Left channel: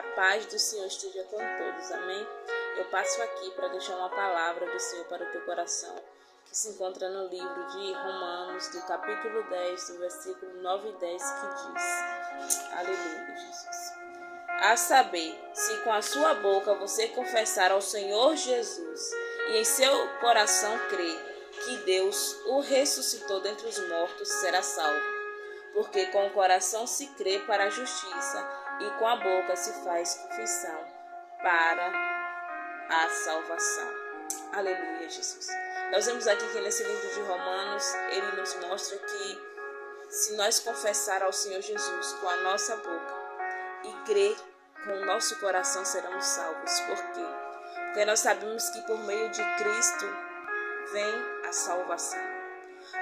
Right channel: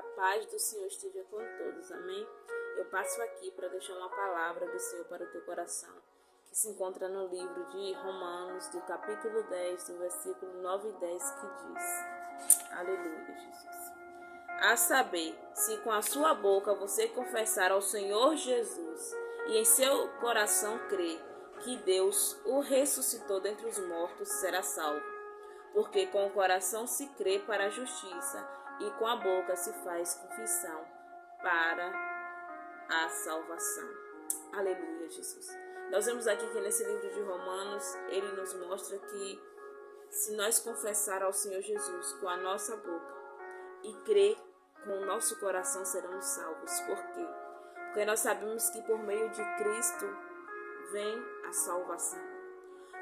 A paz do Senhor esteja com todos, amém? Eu passo aqui para deixar uma palavra do Senhor para o teu coração, que se encontra no livro de Romanos, do capítulo 10, do versículo 9 e 10, que diz: Aleluia, Jesus. A saber, se com a sua boca você confessar ao Senhor Jesus e em seu coração crer que Deus o ressuscitou dentre os mortos, será salvo. Porque com o coração se crê para a justiça e com a boca se faz confissão para a salvação. Aleluia, Jesus. Nós vemos aqui que nesse livro de Romanos, ele nos mostra que se nós confessar ao Senhor Jesus com a nossa boca e crer com o nosso coração, seremos salvos. Por quê? Porque nós sabemos que por meio de Cristo vem a salvação.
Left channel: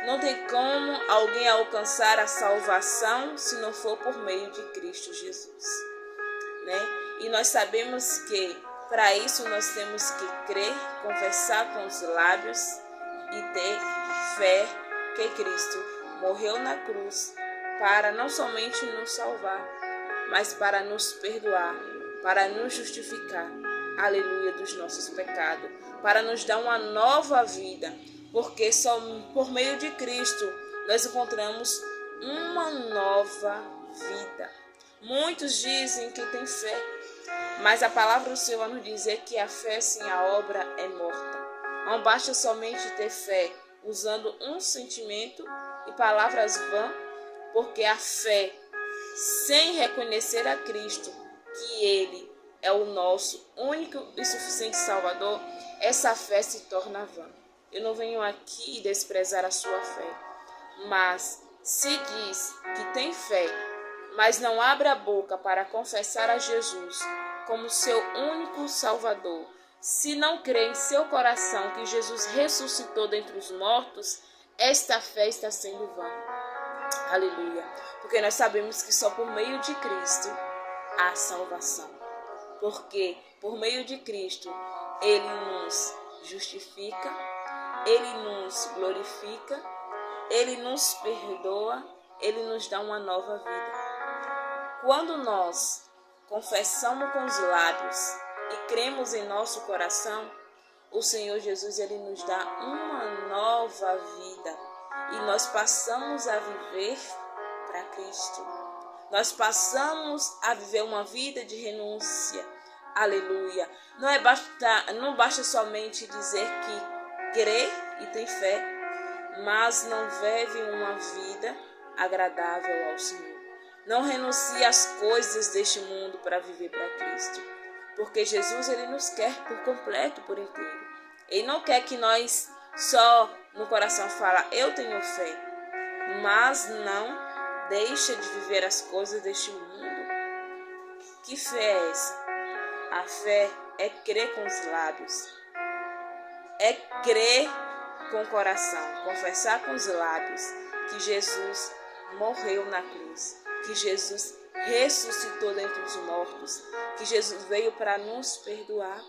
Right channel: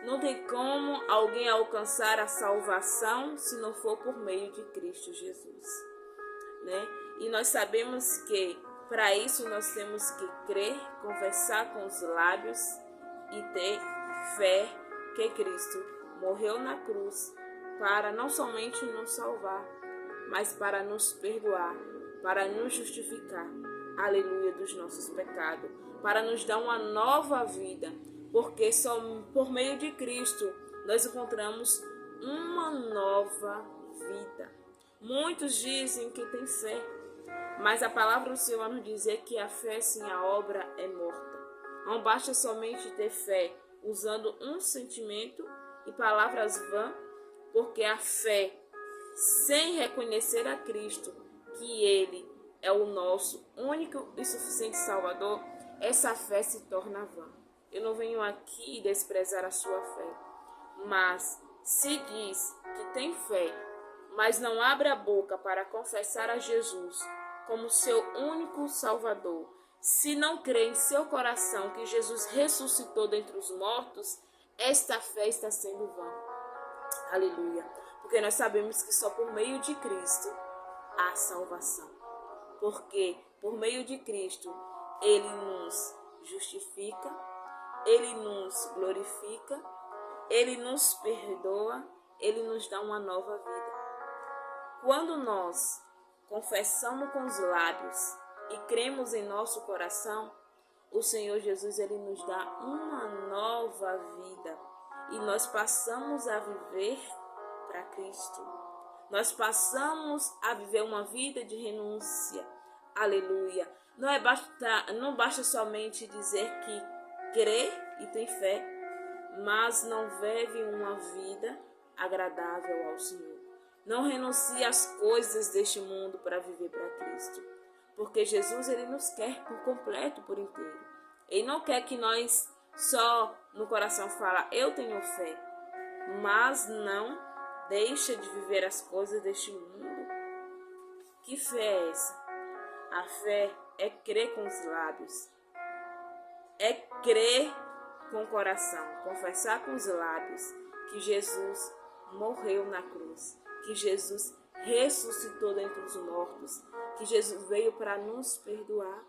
Não tem como alguém alcançar a salvação se não for por meio de Cristo Jesus, né? E nós sabemos que para isso nós temos que crer, confessar com os lábios e ter fé que Cristo morreu na cruz para não somente nos salvar, mas para nos perdoar, para nos justificar, aleluia, dos nossos pecados, para nos dar uma nova vida. Porque só por meio de Cristo nós encontramos uma nova vida. Muitos dizem que tem fé, mas a palavra do Senhor vai nos dizer que a fé sem a obra é morta. Não basta somente ter fé usando um sentimento e palavras vãs, porque a fé sem reconhecer a Cristo, que Ele é o nosso único e suficiente Salvador, essa fé se torna vã. Eu não venho aqui desprezar a sua fé, mas se diz que tem fé, mas não abre a boca para confessar a Jesus como seu único Salvador, se não crê em seu coração que Jesus ressuscitou dentre os mortos, esta fé está sendo vã. Aleluia. Porque nós sabemos que só por meio de Cristo há salvação. Porque por meio de Cristo Ele nos justifica, Ele nos glorifica, Ele nos perdoa, Ele nos dá uma nova vida. Quando nós confessamos com os lábios e cremos em nosso coração, o Senhor Jesus, Ele nos dá uma nova vida e nós passamos a viver para Cristo. Nós passamos a viver uma vida de renúncia. Aleluia. Não basta somente dizer que crê e tem fé, mas não vive uma vida agradável ao Senhor. Não renuncie às coisas deste mundo para viver para Cristo. Porque Jesus, Ele nos quer por completo, por inteiro. Ele não quer que nós só no coração fala, eu tenho fé, mas não deixa de viver as coisas deste mundo. Que fé é essa? A fé é crer com os lábios, é crer com o coração, confessar com os lábios que Jesus morreu na cruz, que Jesus ressuscitou dentre os mortos, que Jesus veio para nos perdoar.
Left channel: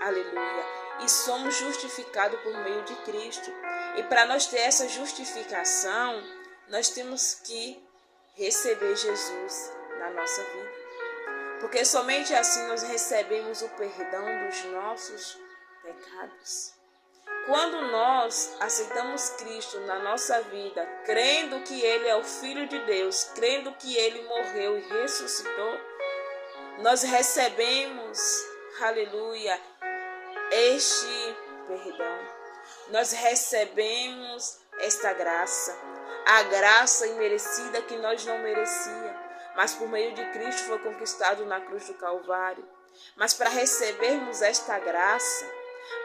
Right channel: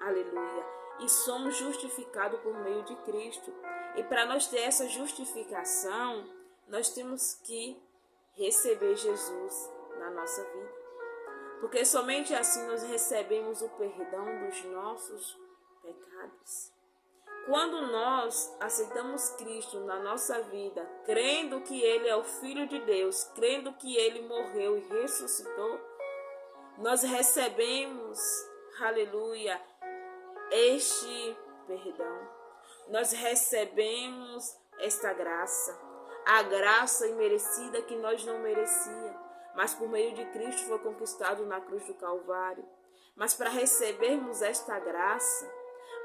Aleluia. E somos justificados por meio de Cristo. E para nós ter essa justificação, nós temos que receber Jesus na nossa vida. Porque somente assim nós recebemos o perdão dos nossos pecados. Quando nós aceitamos Cristo na nossa vida, crendo que Ele é o Filho de Deus, crendo que Ele morreu e ressuscitou, nós recebemos, aleluia, este perdão. Nós recebemos esta graça, a graça imerecida que nós não merecíamos, mas por meio de Cristo foi conquistado na cruz do Calvário. Mas para recebermos esta graça,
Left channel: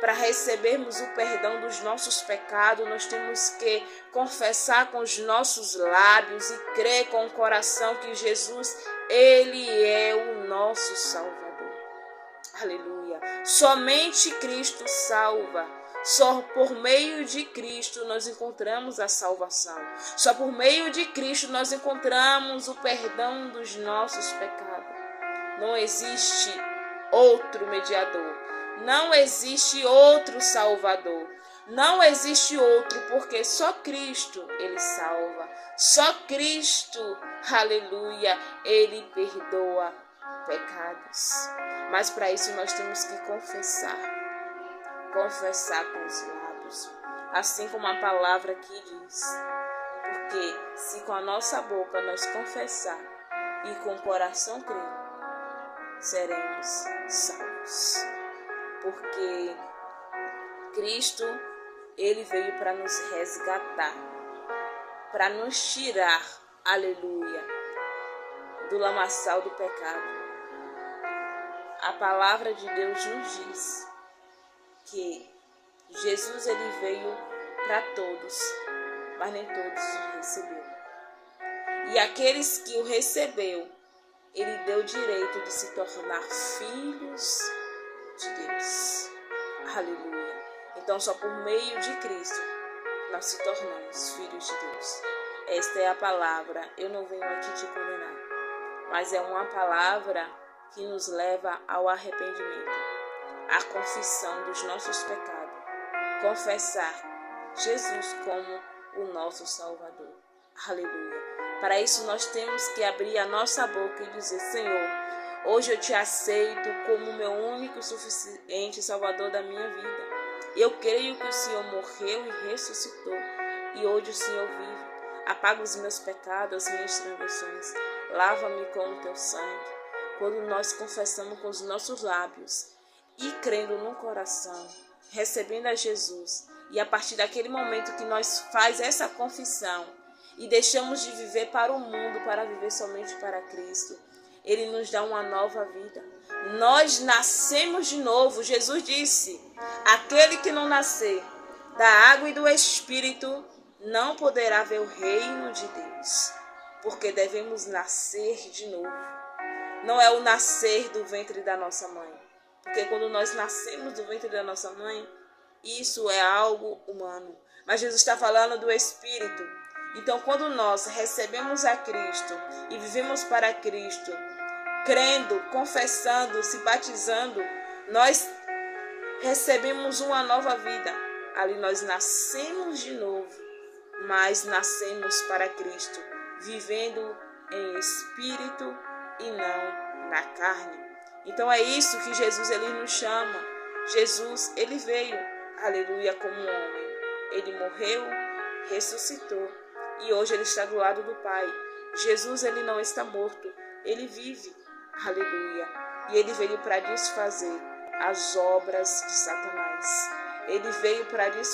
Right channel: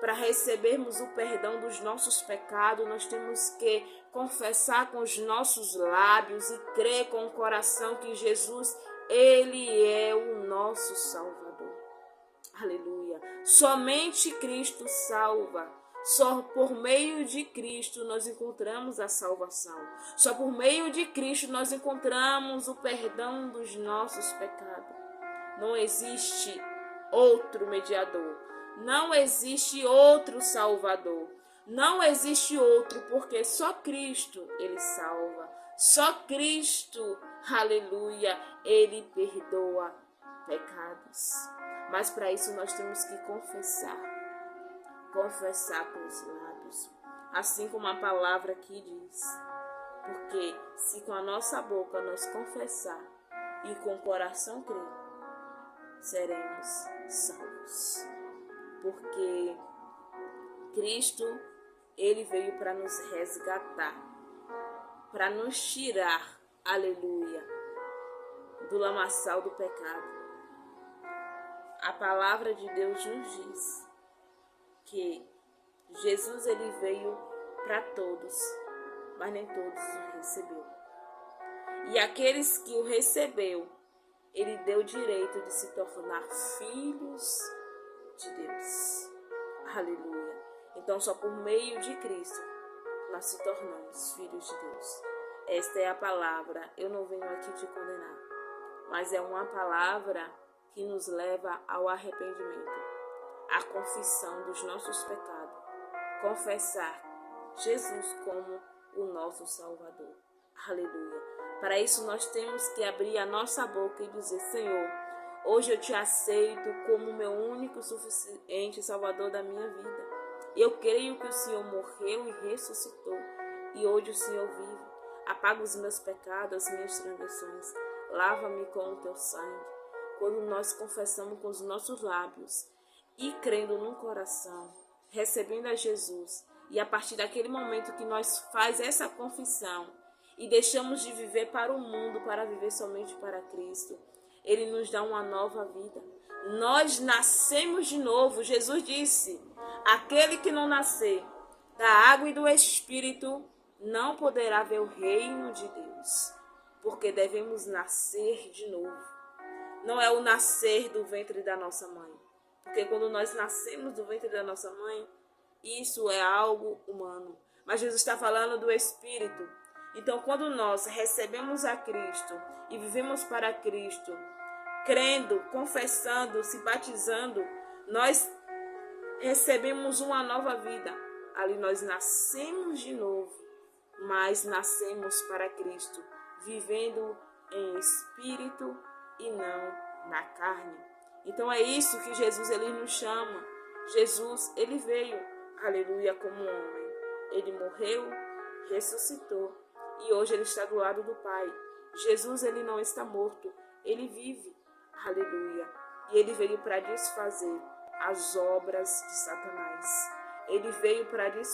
para recebermos o perdão dos nossos pecados, nós temos que confessar com os nossos lábios e crer com o coração que Jesus, Ele é o nosso Salvador. Aleluia. Somente Cristo salva. Só por meio de Cristo nós encontramos a salvação. Só por meio de Cristo nós encontramos o perdão dos nossos pecados. Não existe outro mediador. Não existe outro Salvador. Não existe outro, porque só Cristo Ele salva. Só Cristo, aleluia, Ele perdoa. pecados. Mas para isso nós temos que confessar com os lábios, assim como a palavra aqui diz. Porque se com a nossa boca nós confessar e com o coração crer, seremos salvos. Porque Cristo, ele veio para nos resgatar, para nos tirar, aleluia, do lamaçal do pecado. A palavra de Deus nos diz que Jesus, ele veio para todos, mas nem todos o receberam. E aqueles que o recebeu, ele deu o direito de se tornar filhos de Deus. Aleluia. Então, só por meio de Cristo, nós se tornamos filhos de Deus. Esta é a palavra. Eu não venho aqui te condenar, mas é uma palavra que nos leva ao arrependimento, à confissão dos nossos pecados, confessar Jesus como o nosso Salvador. Aleluia. Para isso nós temos que abrir a nossa boca e dizer: Senhor, hoje eu te aceito como meu único e suficiente Salvador da minha vida. Eu creio que o Senhor morreu e ressuscitou, e hoje o Senhor vive. Apaga os meus pecados, as minhas transgressões. Lava-me com o teu sangue. Quando nós confessamos com os nossos lábios e crendo no coração, recebendo a Jesus, e a partir daquele momento que nós faz essa confissão e deixamos de viver para o mundo para viver somente para Cristo, ele nos dá uma nova vida. Nós nascemos de novo. Jesus disse: aquele que não nascer da água e do Espírito não poderá ver o reino de Deus. Porque devemos nascer de novo. Não é o nascer do ventre da nossa mãe. Porque quando nós nascemos do ventre da nossa mãe, isso é algo humano. Mas Jesus está falando do Espírito. Então, quando nós recebemos a Cristo e vivemos para Cristo, crendo, confessando, se batizando, nós recebemos uma nova vida. Ali nós nascemos de novo, mas nascemos para Cristo, vivendo em espírito e não na carne. Então é isso que Jesus ele nos chama. Jesus, ele veio, aleluia, como um homem. Ele morreu, ressuscitou e hoje ele está do lado do Pai. Jesus, ele não está morto, ele vive, aleluia. E ele veio para desfazer as obras de Satanás. Ele veio para desfazer